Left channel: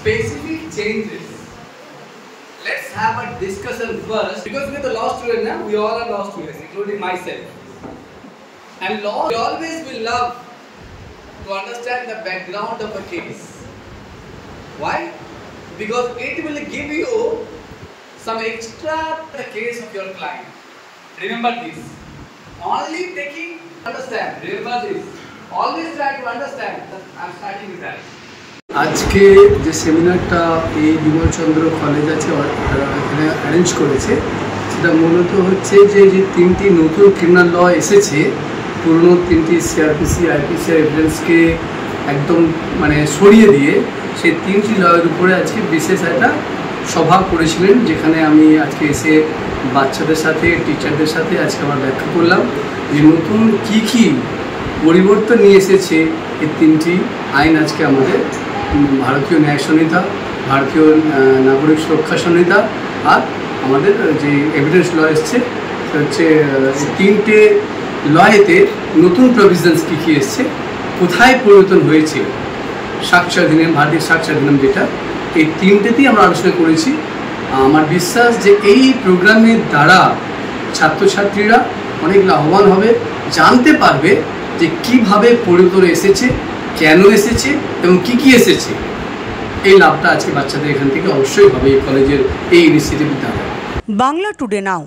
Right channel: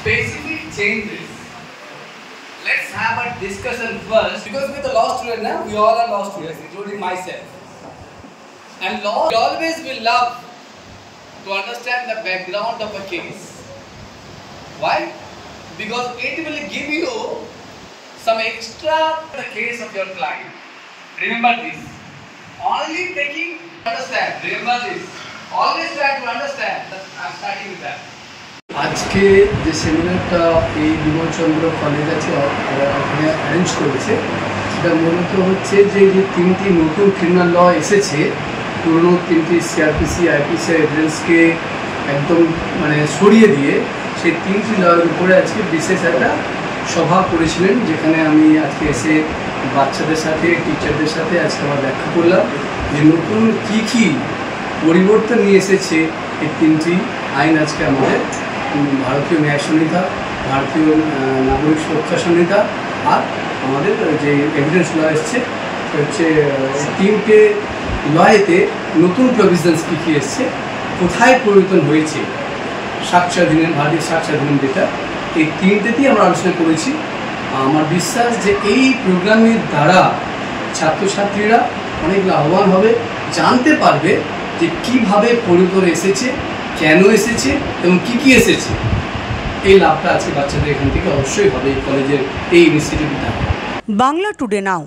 specific changes. Let's have a discussion first because we're the law student now. We all are law students, including myself. And law always will love to understand the background of a case. Why? Because it will give you some extra the case of your client. Remember this. Only taking understand. Remember this. Always try to understand. I'm starting with that. আজকে যে সেমিনারটা এই Bimalchandra college আছে এখানে arrange করেছে সেটা মূলত হচ্ছে যে তিনটি নতুন ক্রিমিনাল ল এসেছে পুরনো তিনটি সিআরপিসি আইপিসি এভিডেন্সকে একদম সরিয়ে দিয়ে সেই তিনটি লয়ের উপরে আজকে বিশেষ একটা সভা করেছিলেন, যেখানে আমি আজকে এসে বাচ্চাদের সাথে টিচারদের সাথে আজকে আমার ব্যাখ্যা করলাম যে নতুন কী পরিবর্তন নিয়ে এসেছে এই তিনটি আইন। আজকে আমাদের ভারতীয় ন্যায় সংহিতা, ভারতীয় নাগরিক সুরক্ষা সংহিতা আর আমাদের যে এভিডেন্স ল এসছে হচ্ছে তিনটে লয়েতে নতুন প্রভিশনস কী এসছে, কোথায় পরিবর্তন হয়েছে, সাক্ষ্য অধিনিয়ম, ভারতীয় সাক্ষ্য অধিনিয়ম যেটা, এই তিনটেতেই আমরা আলোচনা করেছি। আমার বিশ্বাস যে এই প্রোগ্রামের দ্বারা ছাত্রছাত্রীরা অনেক লাভবান হবে, জানতে পারবে যে কীভাবে পরিবর্তন এসেছে, কেন এসেছে এবং কী এসেছে। এই লাভটা আজকে বাচ্চাদের এখান থেকে অবশ্যই হবে এই কলেজের এই ইনিশিয়েটিভ দ্বারা। বাংলা টুডে নাও।